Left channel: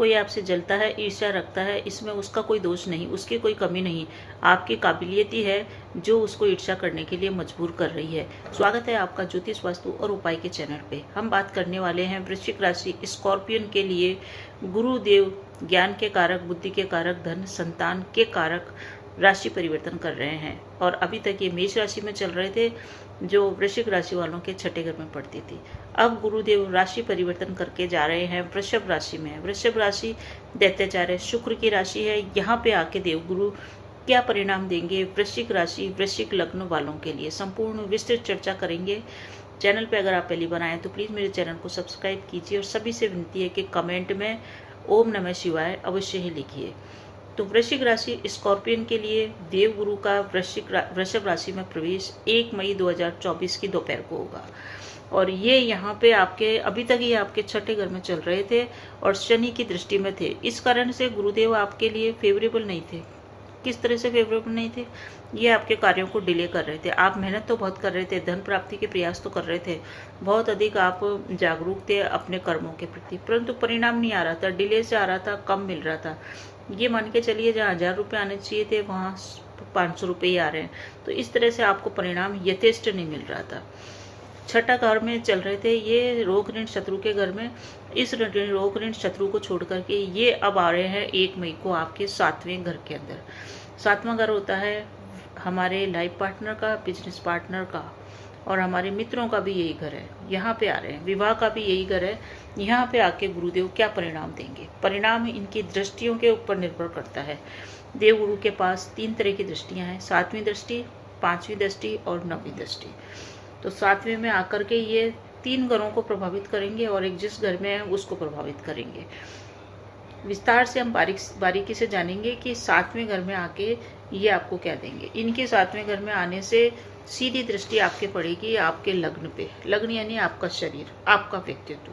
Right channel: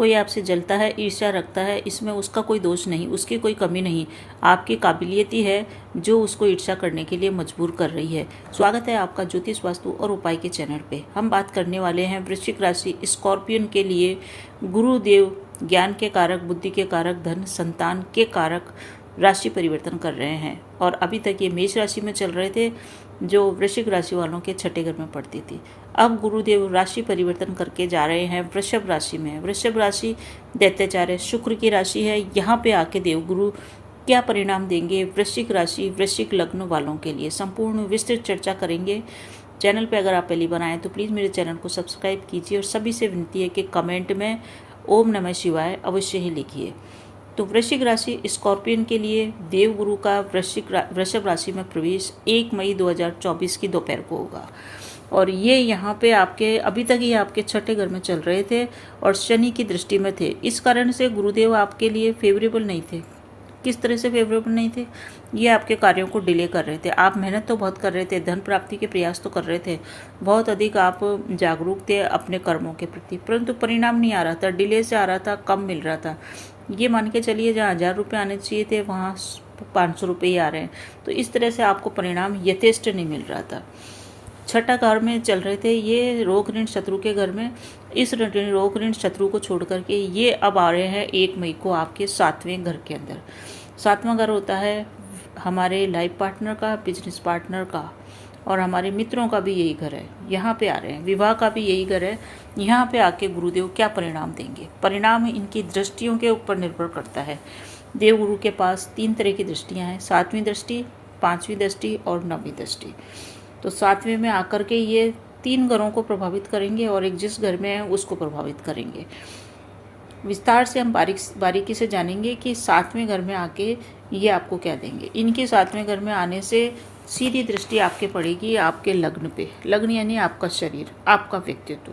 कोई आपसे जलता है, ईर्ष्या रखता है, इसमें उसका कोई दोष नहीं, उसकी कोई कमी नहीं, आपकी काबिलियत ही है जो उसको ईर्ष्या करने के लिए मजबूर कर रही है। स्वागत है आपका ज्योतिष वास्तु और उपाय के चैनल पे। हम बात करने वाले हैं वृश्चिक राशि स्कॉर्पियन के लिए। गुरुदेव ज्ञान के कारक, बुद्धि के कारक, धन संतान के कारक राशि परिवर्तन कर रहे हैं और अभी तक ये मेष राशि में चल रहे थे जो वृश्चिक राशि वालों के छठे घर में पड़ती थी। अब गुरुदेव राशि परिवर्तन करके जा रहे हैं वृषभ राशि में। वृषभ राशि दैत्याचार्य शुक्र की राशि है। यहाँ पे आके देवगुरु क्या परिणाम देंगे वृश्चिक राशि वृश्चिक लग्न वालों के लिए, संपूर्ण विस्तृत चर्चा करेंगे। चैनल पे अगर आप पहली बार आए तो प्लीज़ मेरे चैनल को सब्सक्राइब कीजिए और सभी से विनती है कि कमेंट में ओम नमः शिवाय अवश्य ही लिखिए। तो वृश्चिक राशि स्कॉर्पियन के लिए देवगुरु का वृषभ राशि में प्रवेश 1 मई 2024 की दोपहर को होगा और ये यहाँ पे आपके अभी तक ये आपके छठे घर में चल रहे थे और शनि की दृष्टि में थे। इस कारण से गुरुदेव आपके लिए फेवरेबल नहीं थे। किस तरह से फेवरेबल नहीं थे? ये आपके कार्यों को डिले कर रहे थे। आप मेहनत तो बहुत कर रहे थे, धन प्राप्ति के प्रयास तो कर रहे थे, बहुत अधिक आप जागरूक थे अपने कर्मों के प्रति, परंतु परिणाम नहीं आ रहा था, डिले से आ रहा था, कम मिल रहा था। ये मान के चलिए जहाँ 1000 रुपये आने चाहिए थे वहाँ 500 रुपये ही आ रहे हैं। तो इस तरह से आपको परिणाम यथेष्ट नहीं मिल रहा था। छठा घर में चल रहे थे ये रोग ऋण शत्रु के घर में। इस रोग ऋण शत्रु को छोड़ करके ये अब आ रहे हैं 1 मई को आपके 7वें घर के अंदर। 7वां घर होता है हमारे लाइफ पार्टनर का, बिजनेस पार्टनर का और हमारे मित्रों का भी यही घर है। यहाँ पे आ रहे हैं, विवाह का भी यही घर है। यहाँ पे आके गुरुदेव क्या परिणाम देंगे? परिणाम इनकी दृष्टियों के ऊपर निर्भर करता है। देवगुरु के पास 3 तरह की दृष्टियाँ हैं, 7वीं दृष्टि, 5वीं दृष्टि और 9वीं दृष्टि। तो 7वें में आकर के ये 3 घरों को प्रभावित करेंगे और एक जिस घर में है उसको प्रभावित करेंगे। विस्तार से हम बारीकी से जानेंगे कि 7वें घर में आके ये आपको क्या देंगे। इनके 7वें घर में आने से सीधी दृष्टि आपके पड़ेगी आपके लग्न पे। लग्न यानी आपका शरीर, आपका व्यक्तित्व,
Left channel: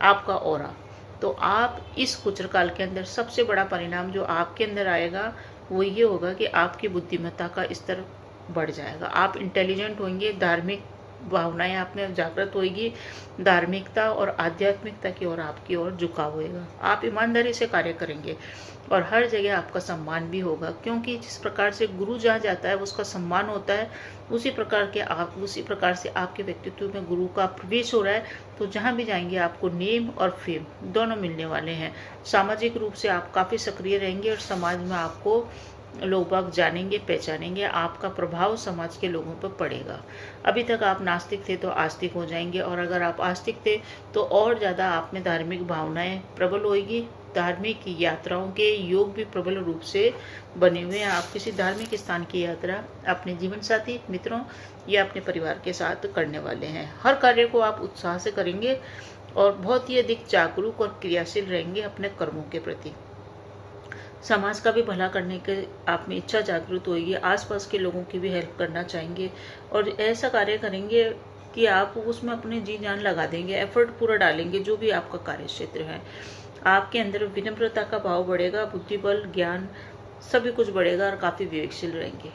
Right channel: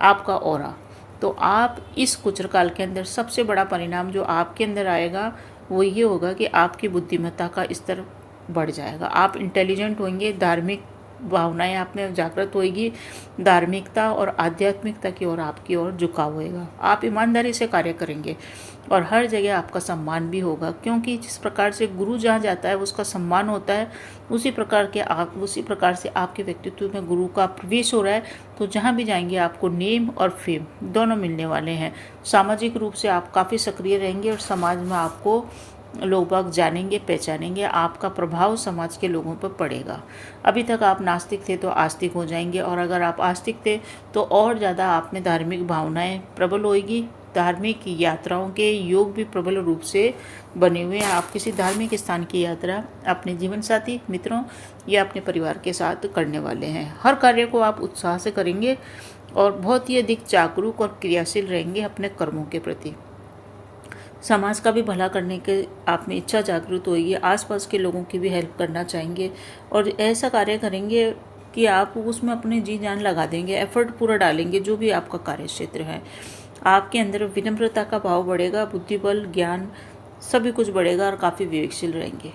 आपका ऑरा। तो आप इस गोचरकाल के अंदर सबसे बड़ा परिणाम जो आपके अंदर आएगा वो ये होगा कि आपकी बुद्धिमत्ता का स्तर बढ़ जाएगा। आप इंटेलिजेंट होंगे, धार्मिक भावनाएं आप में जागृत होगी, धार्मिकता और आध्यात्मिकता की ओर आपकी ओर झुकाव होएगा। आप ईमानदारी से कार्य करेंगे और हर जगह आपका सम्मान भी होगा, क्योंकि जिस प्रकार से गुरु जहाँ जाता है उसका सम्मान होता है, उसी प्रकार से आपके व्यक्तित्व में गुरु का प्रवेश हो रहा है। तो जहाँ भी जाएंगे आपको नेम और फेम दोनों मिलने वाले हैं। सामाजिक रूप से आप काफ़ी सक्रिय रहेंगे और समाज में आपको लोग बाग जानेंगे, पहचानेंगे, आपका प्रभाव समाज के लोगों पर पड़ेगा। अभी तक आप नास्तिक थे तो आस्तिक हो जाएंगे और अगर आप आस्तिक थे तो और ज़्यादा आप में धार्मिक भावनाएं प्रबल होएगी। धार्मिक यात्राओं के योग भी प्रबल रूप से बने हुए हैं। आप किसी धार्मिक स्थान की यात्रा अपने जीवन साथी, मित्रों या अपने परिवार के साथ करने वाले हैं। हर कार्य को आप उत्साह से करेंगे और बहुत ही अधिक जागरूक और क्रियाशील रहेंगे अपने कर्मों के प्रति। समाज का भी भला करने के आप में इच्छा जागृत होगी। आसपास के लोगों की भी हेल्प करना चाहेंगे और ऐसा कार्य करेंगे कि आप उसमें अपनी जी जान लगा देंगे, एफर्ट पूरा डालेंगे जो भी आपका कार्य क्षेत्र है। आपके अंदर विनम्रता का भाव बढ़ेगा, बुद्धिबल, ज्ञान सभी कुछ बढ़ेगा और काफ़ी विवेकशील रहेंगे,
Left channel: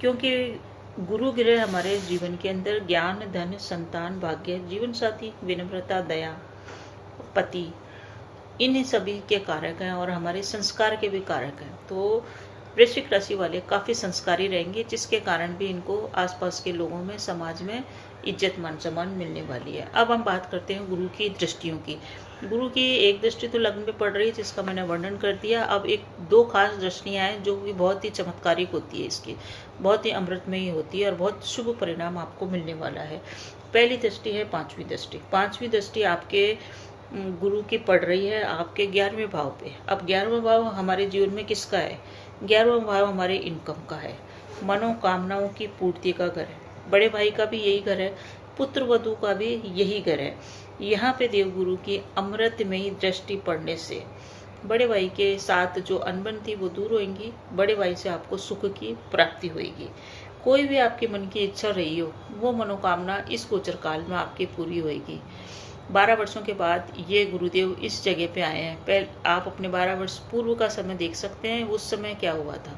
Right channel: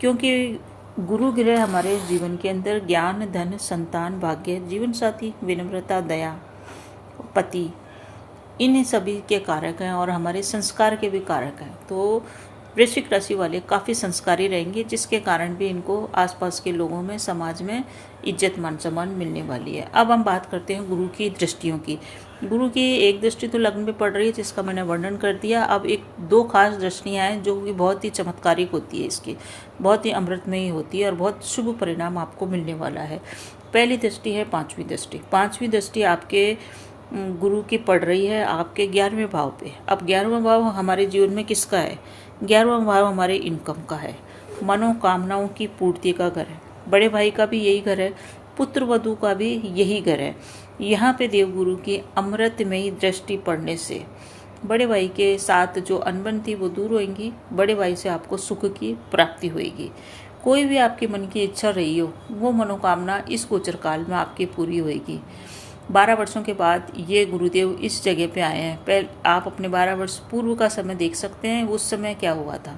क्योंकि गुरु ग्रह हमारे जीवन के अंदर ज्ञान, धन, संतान, भाग्य, जीवन साथी, विनम्रता, दया, पति, इन सभी के कारक हैं और हमारे संस्कार के भी कारक हैं। तो वृश्चिक राशि वाले काफ़ी संस्कारी रहेंगे, जिसके कारण भी इनको आसपास के लोगों में, समाज में इज्जत मान सम्मान मिलने वाली है। अब हम बात करते हैं गुरु की दृष्टियों की। गुरु की एक दृष्टि तो लग्न में पड़ रही है जिसका मैंने वर्णन कर दिया। अब 2 खास दृष्टियाँ हैं जो कि बहुत ही चमत्कारिक होती है, इसकी बहुत ही अमृतमयी होती है और बहुत शुभ परिणाम आपको मिलने वाला है। पहली दृष्टि है 5वीं दृष्टि। 5वीं दृष्टि आपके गुरु की पड़ रही है आपके 11वें भाव पे। अब 11वां भाव हमारे जीवन में किसका है? 11वां भाव हमारे इनकम का है, मनोकामनाओं की पूर्ति का घर है। बड़े भाई का भी यही घर है, पुत्र वधू का भी यही घर है। यहाँ पे देवगुरु की अमृतमयी दृष्टि पड़ने से बड़े भाई के साथ जो अनबन थी वो दूर होगी। बड़े भाई से आपको सुख की प्राप्ति होगी। कोई भी आपके मन की इच्छा रही हो वो मनोकामना इस गोचरकाल में आपकी पूरी होगी। 12 वर्षों के बाद ये गुरुदेव इस जगह पे आए हैं। आप अपने 12 वर्ष पूर्व का समय देख सकते हैं, उस समय क्या हुआ था।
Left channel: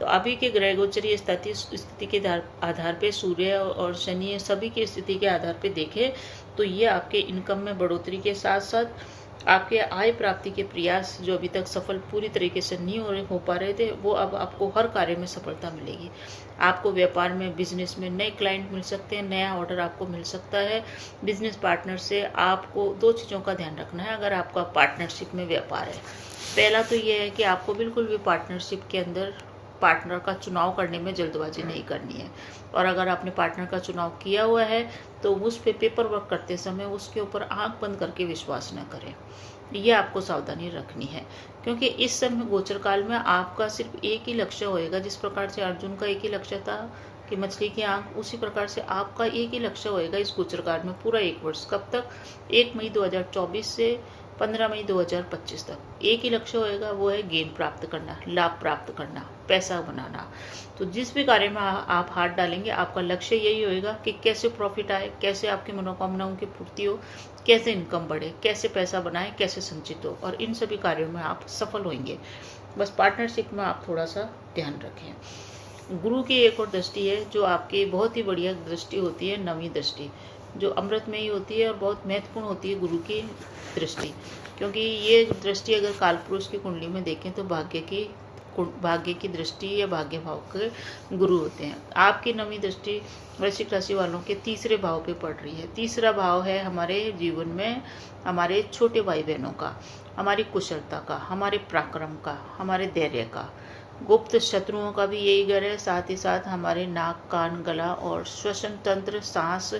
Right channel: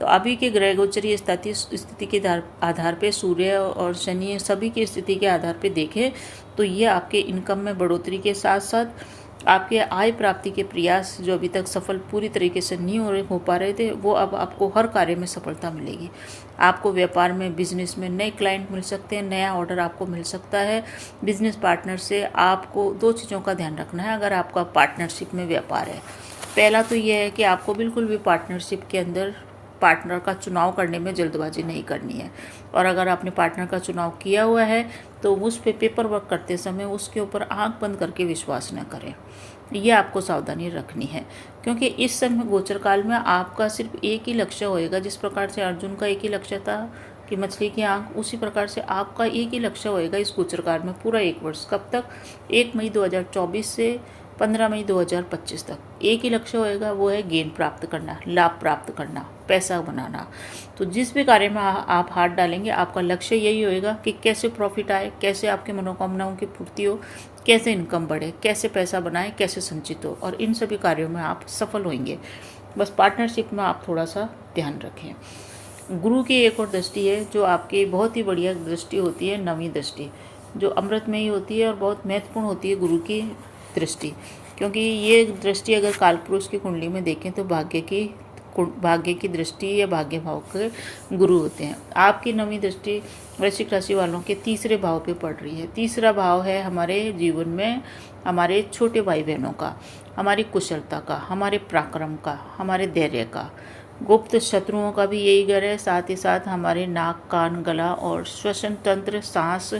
तो अभी के ग्रह गोचरीय स्थिति के आधार पे सूर्य और शनि सभी की स्थिति के आधार पे देखें तो ये आपके इनकम में बढ़ोतरी के साथ साथ आपके आय प्राप्ति के प्रयास जो अभी तक सफल पूरी तरीके से नहीं हो पा रहे थे, वो अब आपको हर कार्य में सफलता मिलेगी। आपको व्यापार में, बिजनेस में नए क्लाइंट मिल सकते हैं, नया ऑर्डर आपको मिल सकता है। बिजनेस पार्टनर से आपको 2 चीज़ों का ध्यान रखना है अगर आपका पार्टनरशिप में व्यापार है। पहला तो ये है कि आपको बिल्कुल भी पार्टनरशिप के अंदर पार्टनर का चुनाव करने में जल्दबाजी नहीं करनी है, और अगर आपने पार्टनर का चुनाव किया हुआ है तो उस पे पेपर वर्क करते समय उसके ऊपर आंख बंद करके विश्वास न करें। ये आपको सावधानी रखनी है, क्योंकि इस समय गोचर काल में आपका सिर्फ एक ही लक्ष्य होएगा। जिस प्रकार से अर्जुन का एक ही लक्ष्य था कि मछली की आंख, उसी प्रकार से आपका एक ही लक्ष्य होएगा इस गोचर काल में पूरा 1 वर्ष। कब तक? 1 मई 2024 से 15 मई 2025 तक एक ही लक्ष्य होएगा, वो है गेन प्राप्त करना, लाभ प्राप्त करना, पैसा बनाना। तो जिस भी कार्य में आप हाथ डालेंगे, आपका लक्ष्य यही होएगा कि कैसे प्रॉफिट आए, कैसे आपके मनोकामनाओं की पूर्ति हो, कैसे इनकम बढ़े, कैसे पैसा बनाए, कैसे संचित हो, और इन सभी कार्यों में आप सफल होंगे। बस पार्टनरशिप में आप थोड़ा सा ध्यान रखें। गुरु की एक और दृष्टि है जो आपकी बहुत ही बढ़िया दृष्टि होती है, 9वीं दृष्टि, जो अमृतमयी होती है और बहुत महत्वपूर्ण होती है गुरु की दृष्टि। क्योंकि ये दृष्टि अगर कालपुरुष की कुंडली में देखें तो भाग्य की दृष्टि या भाग्य भाव के गुरु होते हैं। आपकी 9वीं दृष्टि वृश्चिक राशि वालों के 3रे भाव पे पड़ रही है। 3रा भाव है हमारे जीवन में हमारे छोटे भाई बहनों का, हमारी कुशलता का, हमारे पराक्रम का, हमारे धैर्य का। गुप्त शत्रुओं का भी यही घर है, साथ ही साथ हमारे नाक, कान, गला और श्वसन तंत्र, सांस,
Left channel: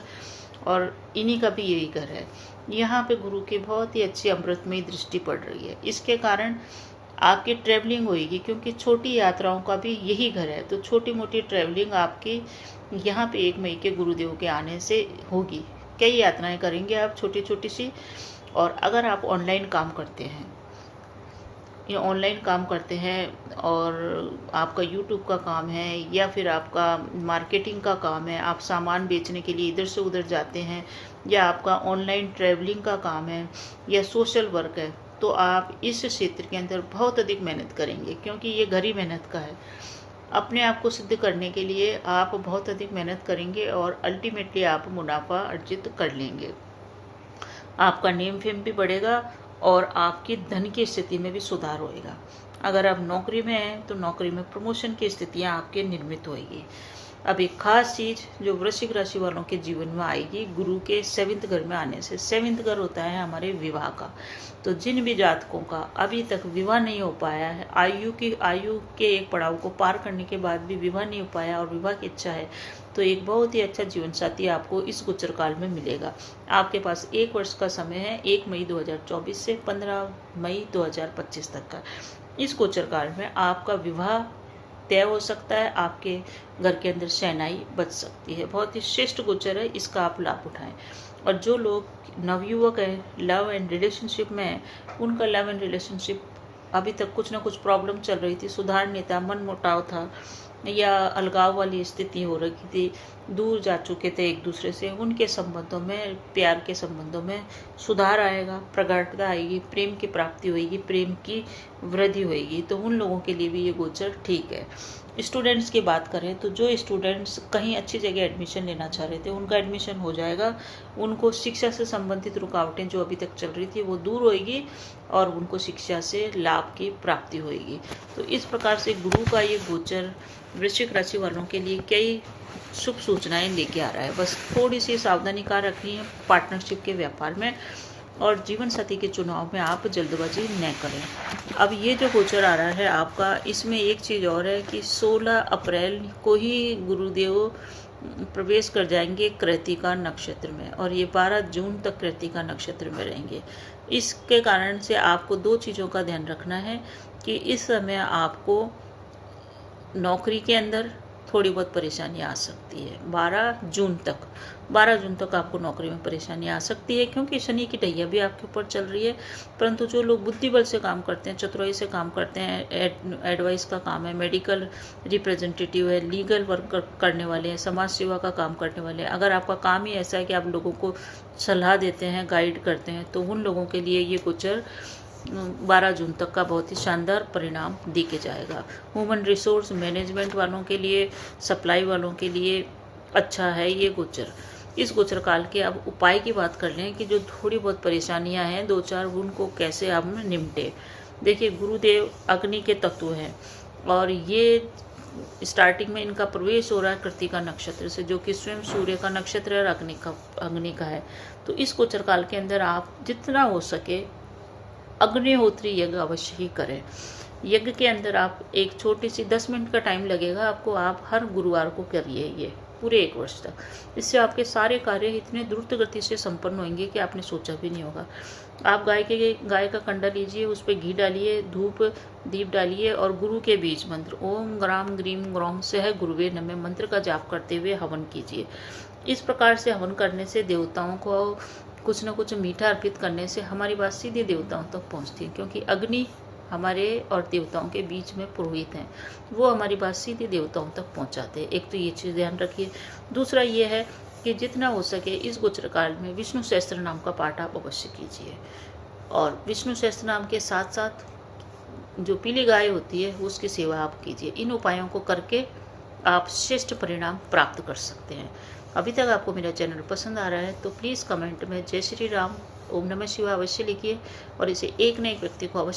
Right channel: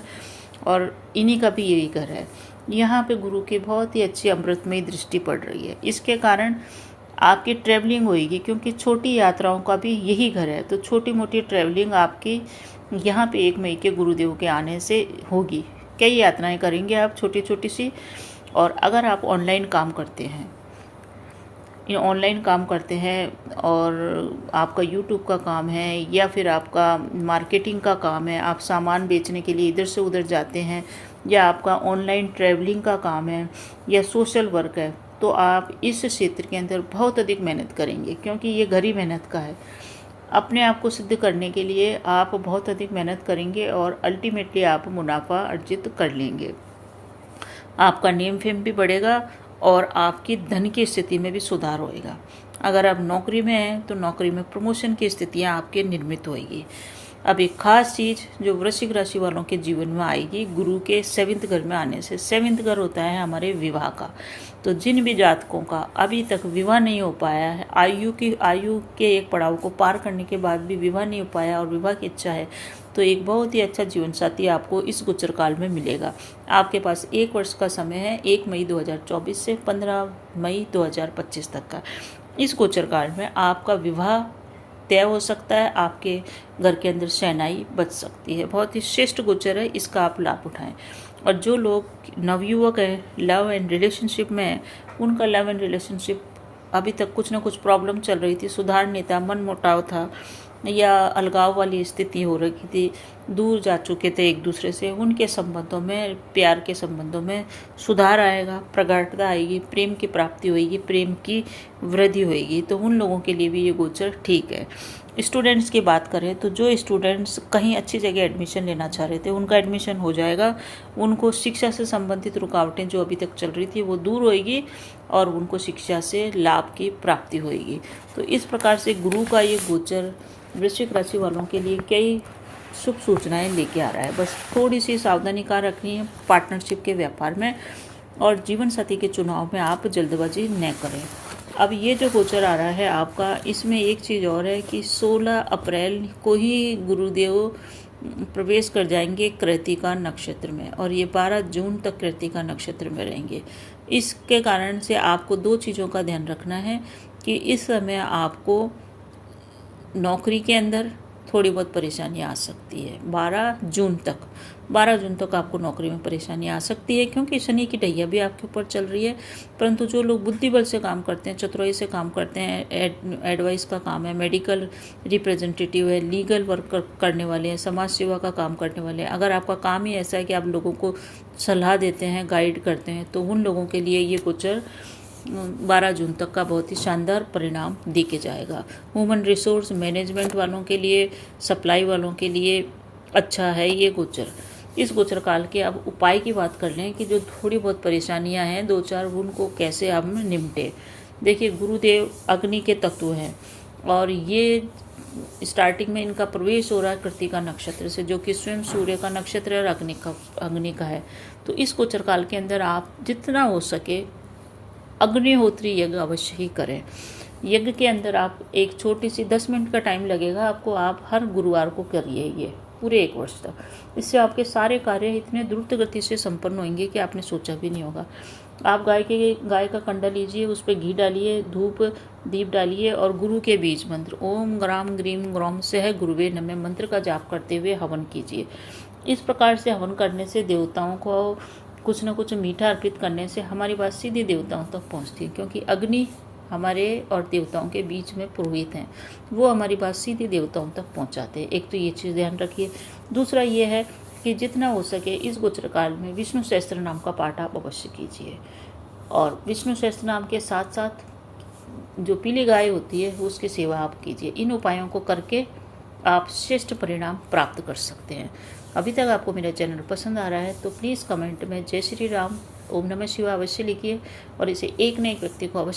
और इन्हीं का भी यही घर है। यहाँ पे गुरु की बहुत ही अच्छी अमृतमयी दृष्टि पड़ रही है। इसके कारण आपकी ट्रैवलिंग होगी, क्योंकि छोटी यात्राओं का भी यही घर है। तो छोटी मोटी ट्रैवलिंग आपकी यहाँ पे 1 मई के गुरुदेव के आने से होगी। कई यात्राएं करेंगे आप छोटी छोटी सी। और अगर आप ऑनलाइन काम करते हैं और आपका यूट्यूब का काम है या फिर आपका मार्केटिंग का काम है, आप सामान बेचने के लिए इधर से उधर जाते हैं, या आपका ऑनलाइन ट्रैवलिंग का काम है या सोशल वर्क है, तो आप इस क्षेत्र के अंदर बहुत अधिक मेहनत करेंगे, क्योंकि ये घर ही मेहनत का है। अपने आप को सिद्ध करने के लिए आप बहुत अधिक मेहनत करेंगे और अल्टीमेटली आप मुनाफा अर्जित कर लेंगे। आपका नेम फेम भी बढ़ेगा और आपकी धन की स्थिति में भी सुधार होएगा। अगर आप नौकरी में हैं तो नौकरी में प्रमोशन की स्थितियां आपके निर्मित होएगी। अब एक खास चीज़ जो वृश्चिक राशि वालों के जीवन में आएगी गुरु के 7th घर में आने से। 7th घर होता है हमारे विवाह का। तो जिन भी जातकों का अभी तक विवाह नहीं हो पाया है, आयु के एक पड़ाव को पार करने के बाद भी विवाह नहीं हो पाया और विवाह की इच्छा है, तो एक बहुत ही अच्छा जीवन साथी आपको इस गोचर काल में मिलेगा। आपके पास 1 वर्ष का समय है, 1 मई 2024 से 15 मई 2025 तक का। इस गोचर काल में आपका विवाह तय हो सकता है, आपके घर के अंदर शहनाई बच सकती है। बहुत ही श्रेष्ठ गोचर है, इसका आप लाभ उठाएं। और जो लोग नवयुवक हैं, लव एंड रिलेशनशिप में हैं, उनका लव एंड रिलेशनशिप अभी तक कुछ ना कुछ प्रॉब्लम चल रही थी, सुधार नहीं था, मन मुटाव था या अलगाव वाली स्थिति हो रही थी, दूर जा चुके थे एक दूसरे से, उनके संबंधों में, प्यार के संबंधों में सुधार आएगा, प्रगाढ़ता आएगी, प्रेम की प्राप्ति होगी, प्रेम की वृद्धि होगी। तो उन लोगों के लिए भी ये गोचर ठीक है। स्टूडेंट्स की बात करें तो जो स्टूडेंट्स कहीं अच्छी जगह एडमिशन लेना चाह रहे थे उनका एडमिशन हो जाएगा। उनको शिक्षा से संबंधित रुकावटें जो अभी तक चल रही थी वो दूर होएगी और उनको शिक्षा से लाभ की प्राप्ति होएगी। तो इस प्रकार से गुरु का ये गोचर वृश्चिक राशि वालों के लिए कई शुभ सूचनाएं लेके आ रहा है। बस थोड़ी सी सावधानी का रखनी है पार्टनरशिप के व्यापार में, और जीवन साथी के चुनाव में आप जल्दबाजी न करें। अब ये जो गोचर आ रहा है आपका, इसमें एक चीज़ और है कि 16 अप्रैल को ही गुरुदेव प्रवेश कर जाएंगे कृत्तिका नक्षत्र में, और ये 12 जून तक कृत्तिका नक्षत्र में रहेंगे। इसके कारण से आपको 2 चीज़ों का ध्यान रखना है कि इस समय आपको नौकरी के अंदर थोड़ी बहुत परेशानी आ सकती है। 12 जून तक आपको नौकरी में परेशानी आ सकती है, क्योंकि शनि की ढैया भी आपके ऊपर चल रही है। परंतु जो लोग बुद्धि बल से काम करते हैं, चतुराई से काम करते हैं, एडवाइस का काम है, मेडिकल रिप्रेजेंटेटिव है, लीगल वर्क करने वाले हैं, समाज सेवा का काम करने वाले हैं, अगर आपका काम ही ऐसा है कि आप लोगों को सलाह देते हैं, गाइड करते हैं, तो उन लोगों के लिए ये गोचर 12 जून तक का बहुत ही शानदार परिणाम दे के जाएगा। ह्यूमन रिसोर्स मैनेजमेंट वालों के लिए, सप्लाई वालों के लिए अच्छा है ये गोचर। इस गोचर काल के अब उपाय की बात कर लें कि जो थोड़ी बहुत परेशानियां हैं 2-4 उनको कैसे आप निपटे। देखिए, गुरुदेव अग्नि के तत्व हैं और ये स्टार्टिंग में इनका प्रवेश हो रहा है कृत्तिका नक्षत्र से, जो कि स्वयं सूर्य का नक्षत्र है और अग्नि का है। तो इस गोचर काल के अंदर आप जितना हो सके अग्निहोत्री यज्ञ अवश्य ही करें। यज्ञ के अंदर आप एक छोटी सी 10 मिनट का टाइम लगेगा आपको, आप हर गुरुवार को करिए ये पूरे 1 वर्ष तक। इससे आपके सारे कार्य इतने द्रुत गति से संपन्न होंगे कि आपने सोचा भी नहीं होगा। आप गाय का कंडा लीजिए, उस पर घी डालिए, धूप दीप डालिए और गुरु के बीज मंत्र ओम ग्राम ग्रीम ग्रौम सह गुरुवे नमः मंत्र का जाप करते हुए हवन कीजिए। इस प्रकार से हवन करने से देवताओं को कुछ न कुछ मीठा अर्पित करने से हमारी बात सीधे देवताओं तक पहुंचती है, क्योंकि अग्नि हमारे और देवताओं के बीच में पुरोहित हैं, वो हमारी बात सीधे देवताओं तक पहुंचाते हैं। एक तो ये चीज़ ध्यान रखिए। दूसरा ये है कि जितना हो सके इस गोचर काल में विष्णु सहस्त्र नाम का पाठ आप अवश्य कीजिए, और विष्णु सहस्त्र नाम के साथ साथ जो पीली गाय होती है उसकी सेवा आप कीजिए। इन उपायों को करके आप श्रेष्ठ परिणाम प्राप्त कर सकते हैं। अभी तक आपको मेरा चैनल पसंद आ रहा है तो प्लीज़ कमेंट में जय श्री राम, ओम नमः शिवाय अवश्य लिखिए और इसे एक न एक व्यक्ति को अवश्य